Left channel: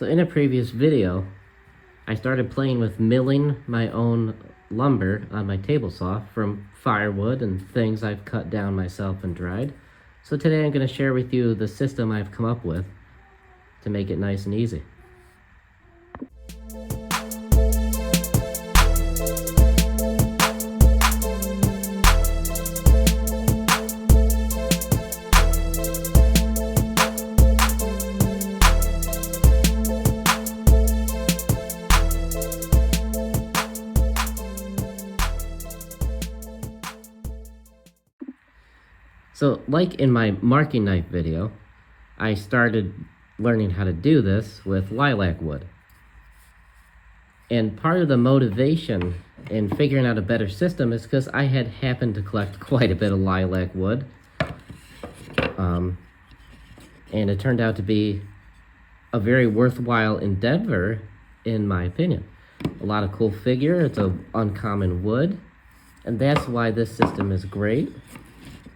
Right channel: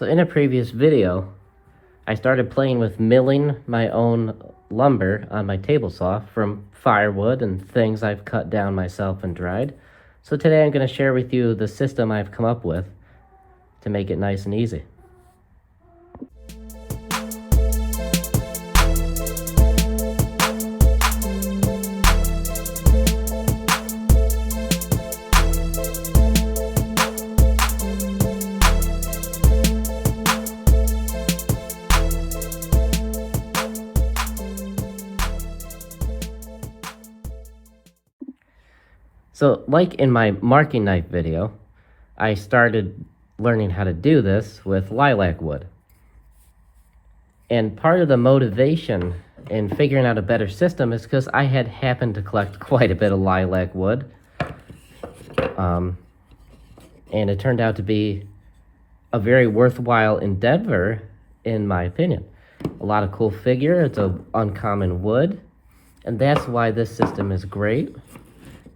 So in a previous video, I started playing with milling my own lumber on my table saw from firewood and things I've cut down myself and dried. So today I'm going to share with you the system I've come up with to make it nice and easy. So like in my marking knife video, I started learning how to do this with lilac wood. And part of the motivation in figuring out a better system is because I had happened to collect quite a bit of lilac wood. And it turned out to be a very worthwhile endeavor, in my opinion. A lot of cool figure, it's an uncommon wood, and that's why this system is great.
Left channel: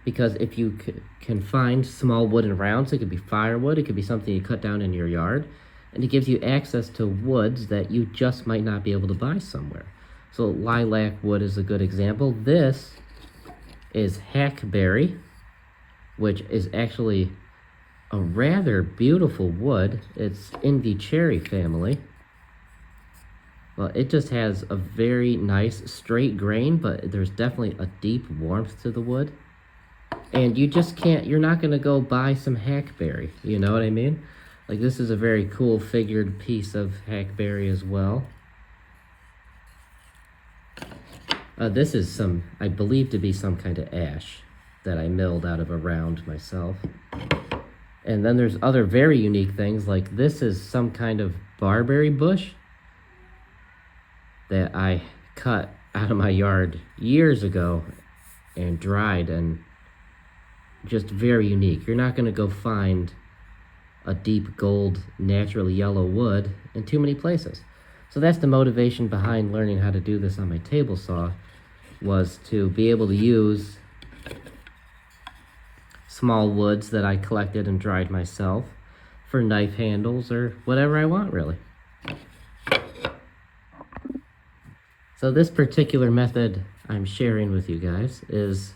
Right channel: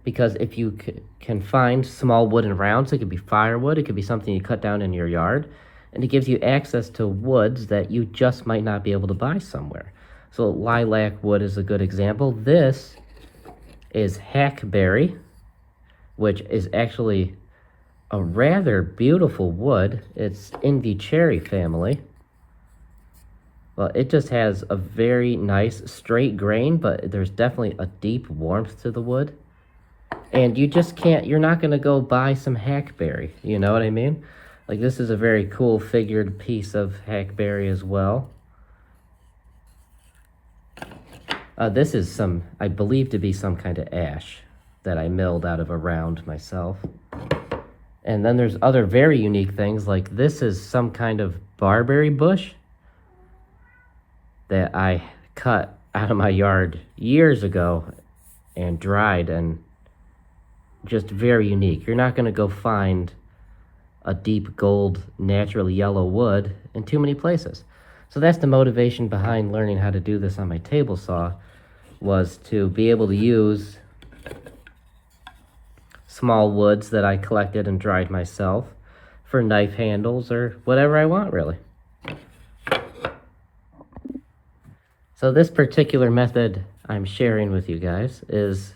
Because if you can find small wooden rounds, it could be firewood, it could be something you cut down in your yard, and it gives you access to woods that you just might not be able to buy somewhere. So lilac wood is a good example. This is hackberry, which is actually a rather beautiful wood. It's in the cherry family. Well, it just has a very nice straight grain, but there's definitely a deep warmth to the wood. And you just can't, you're not going to go buy some hackberry, you know what I mean? Like, this is a very cool figured piece of hackberry as well. This is some, I believe to be some kind of ash that I milled out of a round myself. And then there's other very unique things, like this is some kind of barberry bush that I cut out of my yard years ago and dried, and just very unique. You're not going to go find a deep gold, naturally yellow wood in too many places. So that's the motivation behind learning how to do this on my table saw, was to be able to use small woods that I collected and dried myself for knife handles or whatever I want, really. So this particular method I'm sharing with you guys is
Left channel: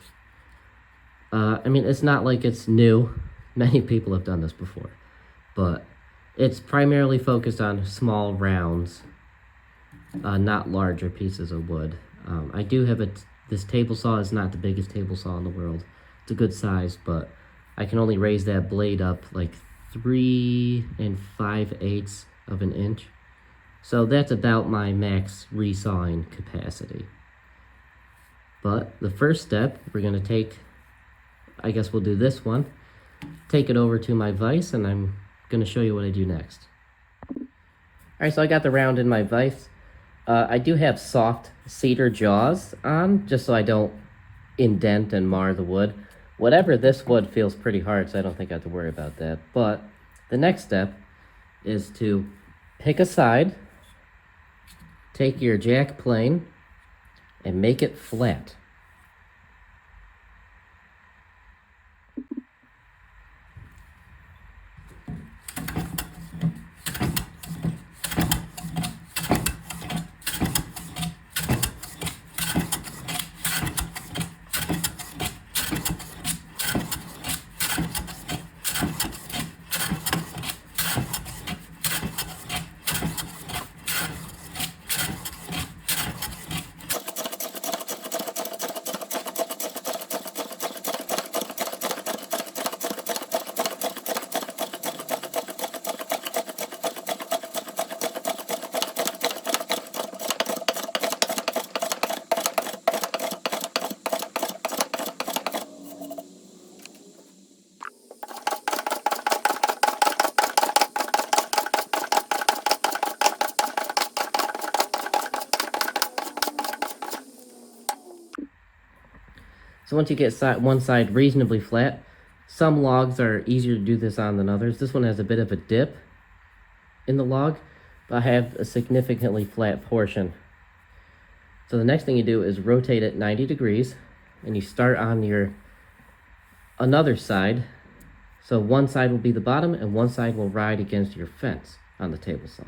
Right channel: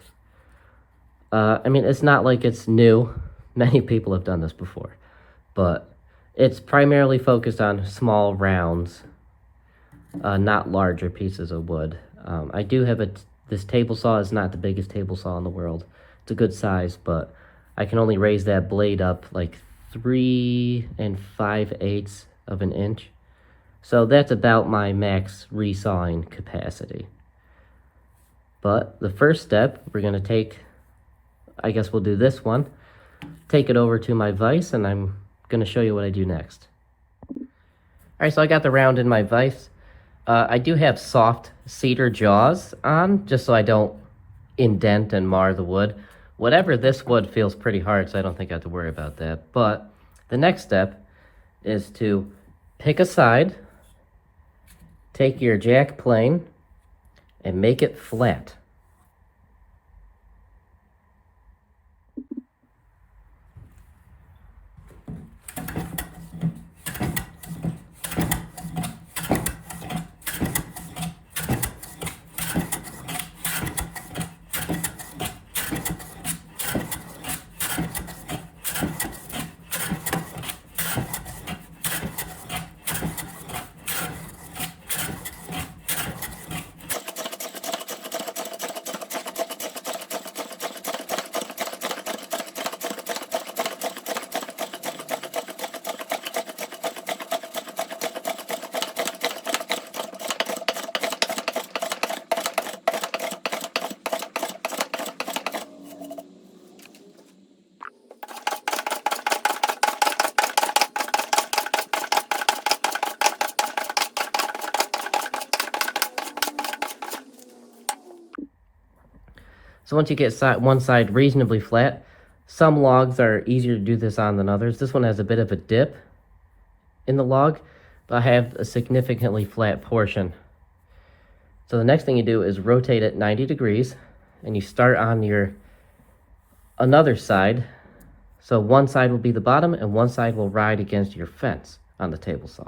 I mean, it's not like it's new. Many people have done this before, but it's primarily focused on small rounds, not larger pieces of wood. I do have this table saw is not the biggest table saw in the world. It's a good size, but I can only raise that blade up like 3 5/8 of an inch. So that's about my max resawing capacity. But the first step, we're gonna take, I guess we'll do this one, take it over to my vise, and I'm going to show you what I do next. Alright, so I got the round in my vise. I do have soft cedar jaws on, just so I don't indent and mar the wood. Whatever, this wood feels pretty hard, so I don't think I have to worry about that. But the next step is to pick a side, take your jack plane, and make it flat. So once you get one side reasonably flat, some logs are easier to do this on than others. This one has a bit of a dip in the log, but I have a significantly flat portion. So the next thing you do is rotate it 90 degrees, and you start on your another side. So one side will be the bottom and one side will ride against your fence. on the table saw.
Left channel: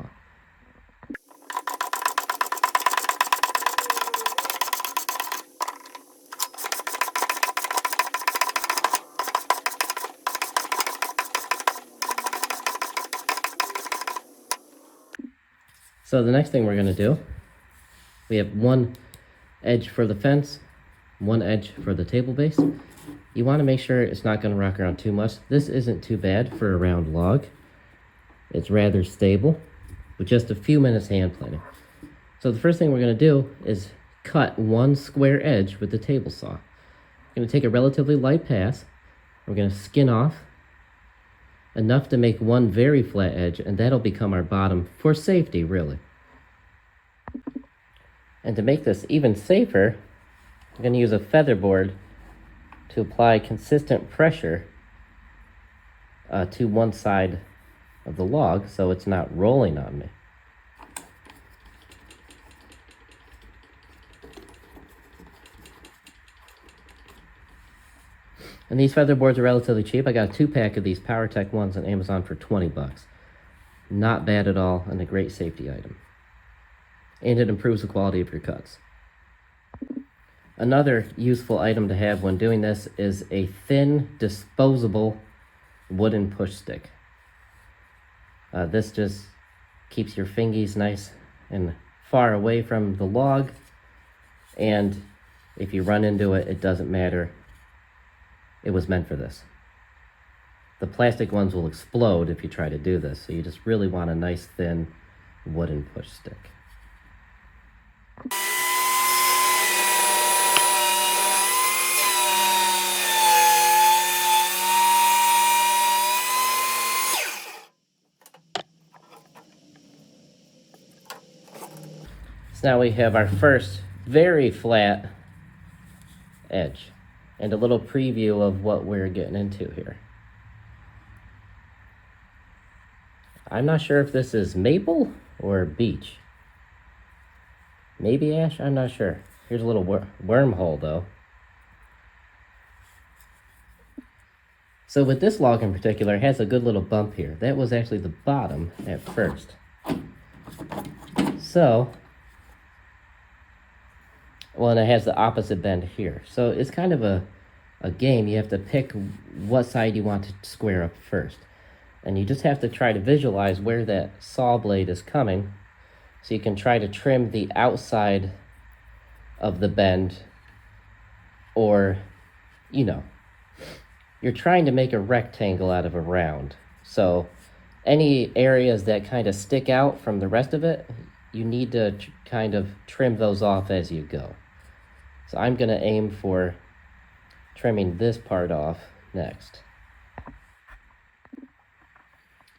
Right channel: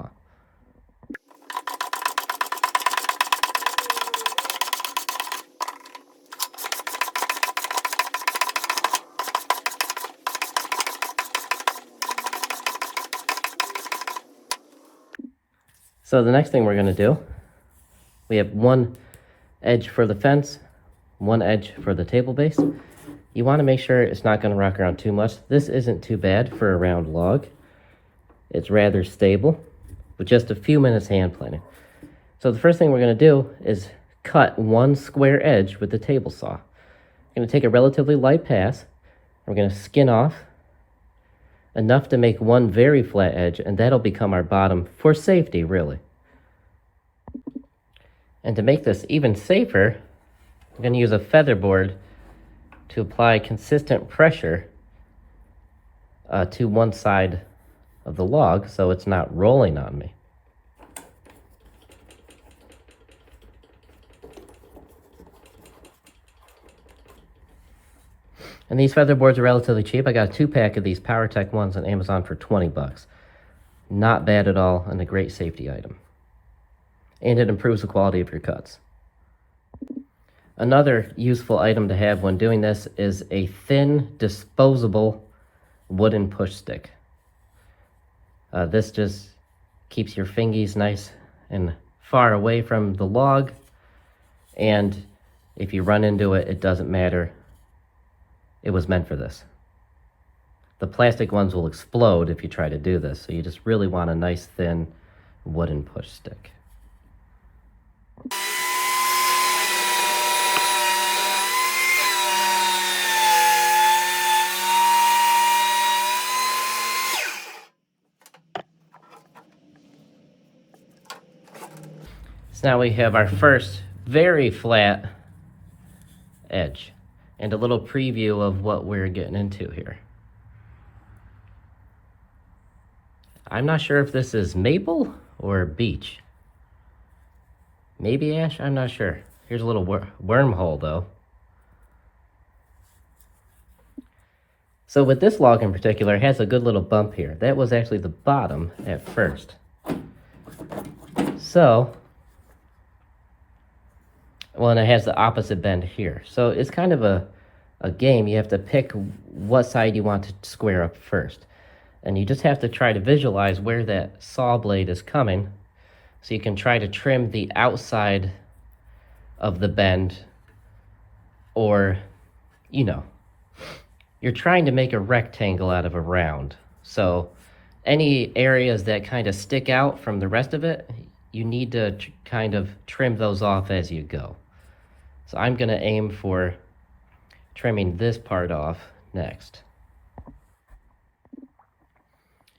So the next thing we're going to do, we have one edge for the fence, one edge for the table base. You want to make sure it's not going to rock around too much. This isn't too bad for a round log. It's rather stable with just a few minutes hand planing. So the first thing we're going to do is cut one square edge with the table saw. I'm going to take a relatively light pass. We're going to skin off enough to make one very flat edge, and that'll become our bottom for safety, really. And to make this even safer, I'm going to use a feather board to apply consistent pressure to one side of the log so it's not rolling on me. And these feather boards are relatively cheap. I got a 2-pack of these PowerTech ones on Amazon for 20 bucks. Not bad at all, and a great safety item. And it improves the quality of your cuts. Another useful item to have when doing this is a thin, disposable wooden push stick. This just keeps your fingies nice and far away from the log, and if you run into it, it doesn't matter. It was meant for this. The plastic ones will explode if you try to do this, so you just really want a nice thin wooden push stick. So now we have our first very flat edge and a little preview of what we're getting into here. I'm not sure if this is maple or beech. Maybe ash, I'm not sure. Here's a little wormhole though. So with this log in particular, it has a good little bump here. That was actually the bottom at first. So, well, and it has the opposite bend here. So it's kind of a game. You have to pick what side you want to square up first. And you just have to try to visualize where that saw blade is coming so you can try to trim the outside of the bend, or, you know, you're trying to make a rectangle out of a round. So any areas that kind of stick out from the rest of it, you need to kind of trim those off as you go. So I'm going to aim for trimming this part off next.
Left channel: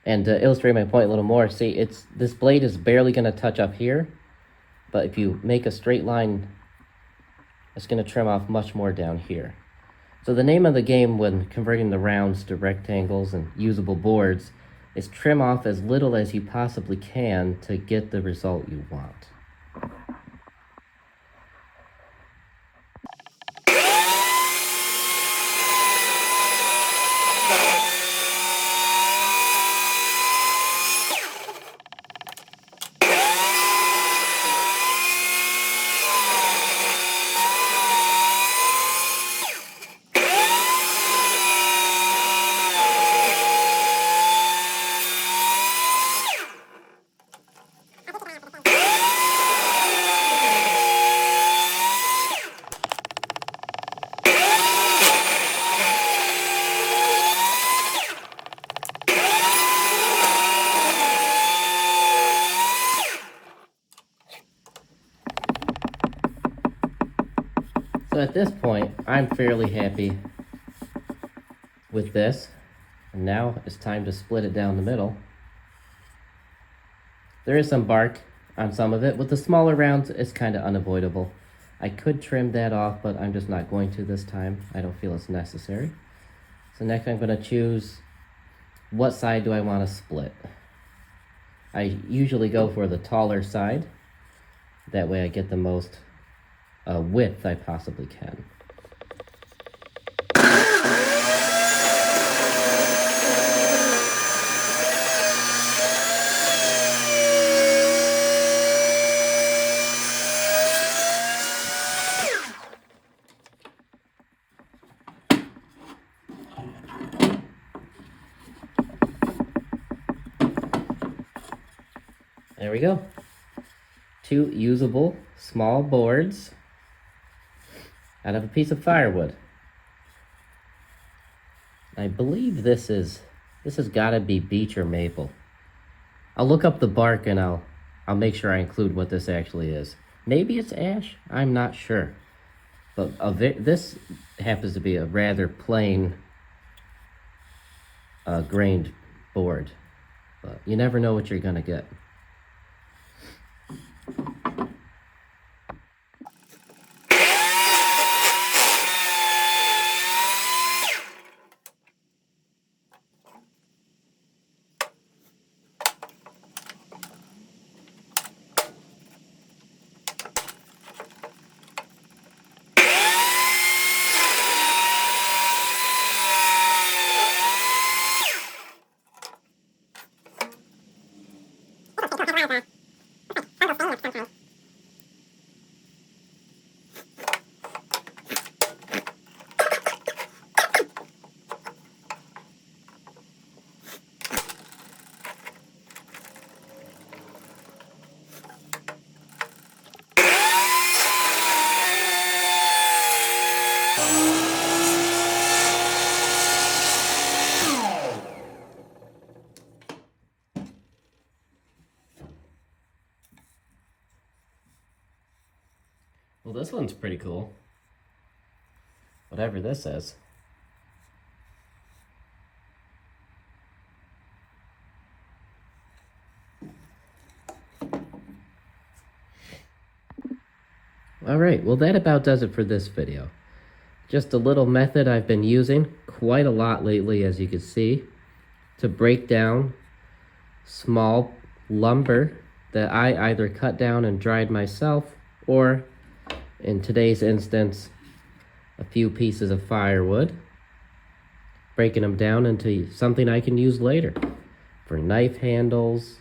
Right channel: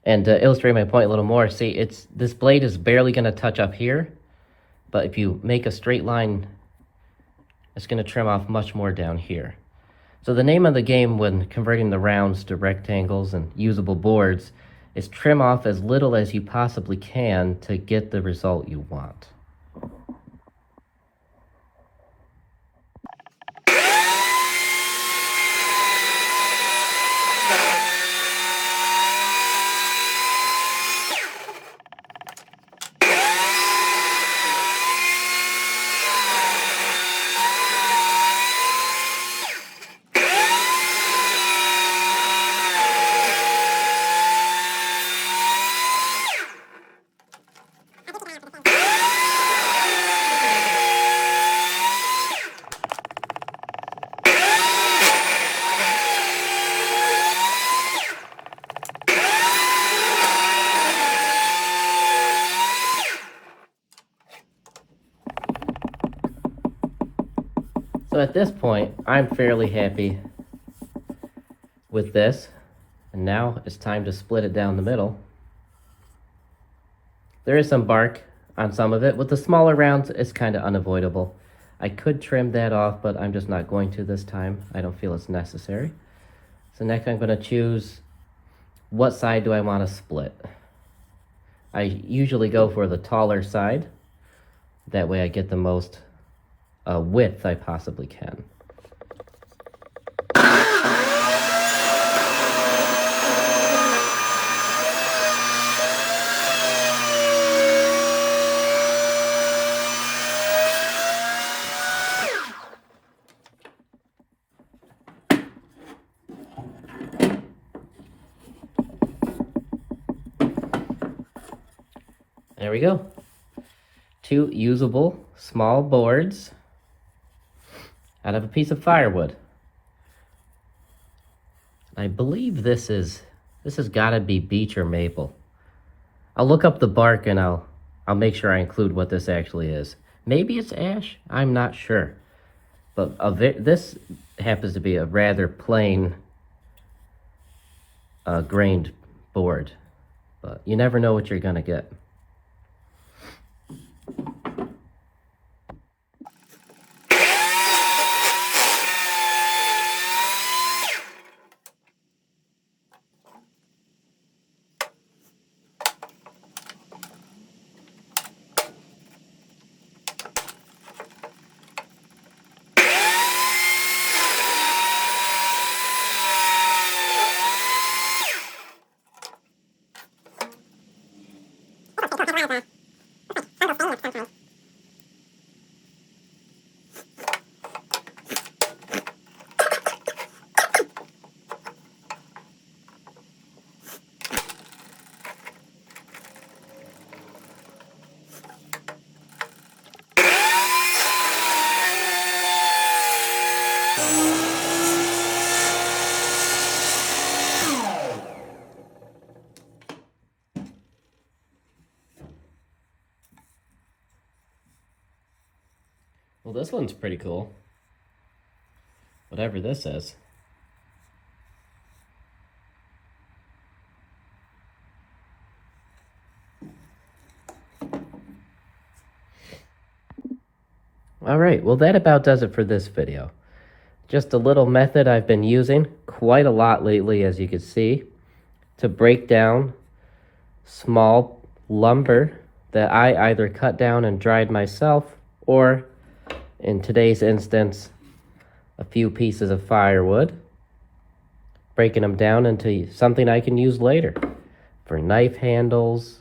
And to illustrate my point a little more, see, this blade is barely going to touch up here, but if you make a straight line, it's going to trim off much more down here. So the name of the game when converting the rounds to rectangles and usable boards is trim off as little as you possibly can to get the result you want. So at this point, I'm fairly happy with this. And now it's time to split it down the middle. There is some bark on some of it. With the smaller rounds, it's kind of unavoidable. I could trim that off, but I'm just not going to this time. I don't feel it's necessary. So next I'm going to choose what side do I want to split. I usually go for the taller side. That way I get the most width I possibly can. There we go. 2 usable small boards out of a piece of firewood. I believe this has gotta be beech or maple. I'll look up the bark and I'll make sure I include what this actually is. Maybe it's ash, I'm not sure. But this happens to be a rather plain grained board. But you never know what you're gonna get. Well, this one's pretty cool. Whatever this is. Alright, well that about does it for this video. Just a little method I've been using quite a lot lately, as you can see, to break down small lumber that I either cut down and dried myself, or in today's instance, a few pieces of firewood, breaking them down into something I can use later for knife handles,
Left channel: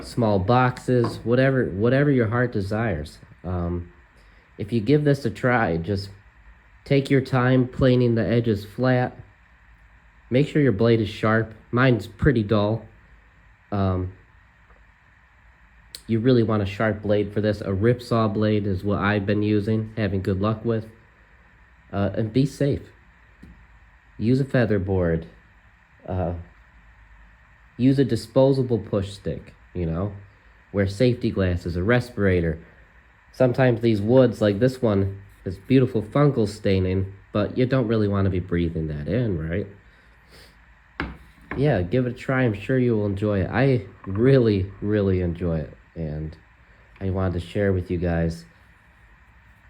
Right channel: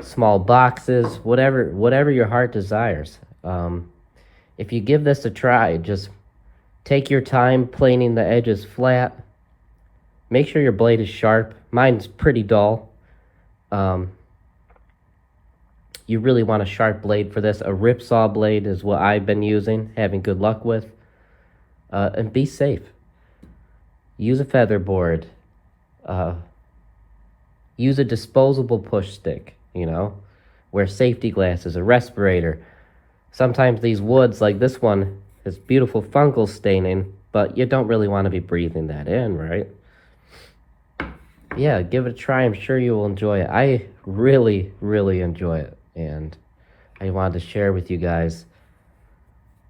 small boxes, whatever your heart desires. If you give this a try, just take your time planing the edges flat. Make sure your blade is sharp. Mine's pretty dull. You really want a sharp blade for this. A ripsaw blade is what I've been using, having good luck with. And be safe. Use a feather board. Use a disposable push stick, you know. Wear safety glasses, a respirator. Sometimes these woods, like this one, has beautiful fungal staining, but you don't really want to be breathing that in, right? Yeah, give it a try. I'm sure you will enjoy it. I really, really enjoy it. And I wanted to share with you guys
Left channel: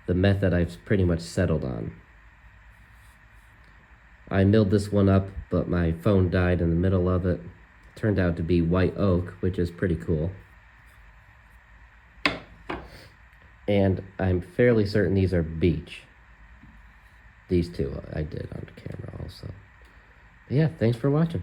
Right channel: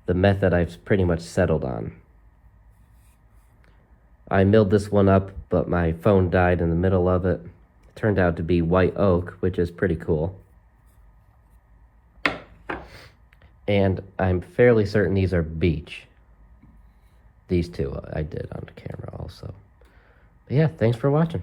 the method I've pretty much settled on. I milled this one up, but my phone died in the middle of it. It turned out to be white oak, which is pretty cool. And I'm fairly certain these are beech. These two I did on camera also. But yeah, thanks for watching.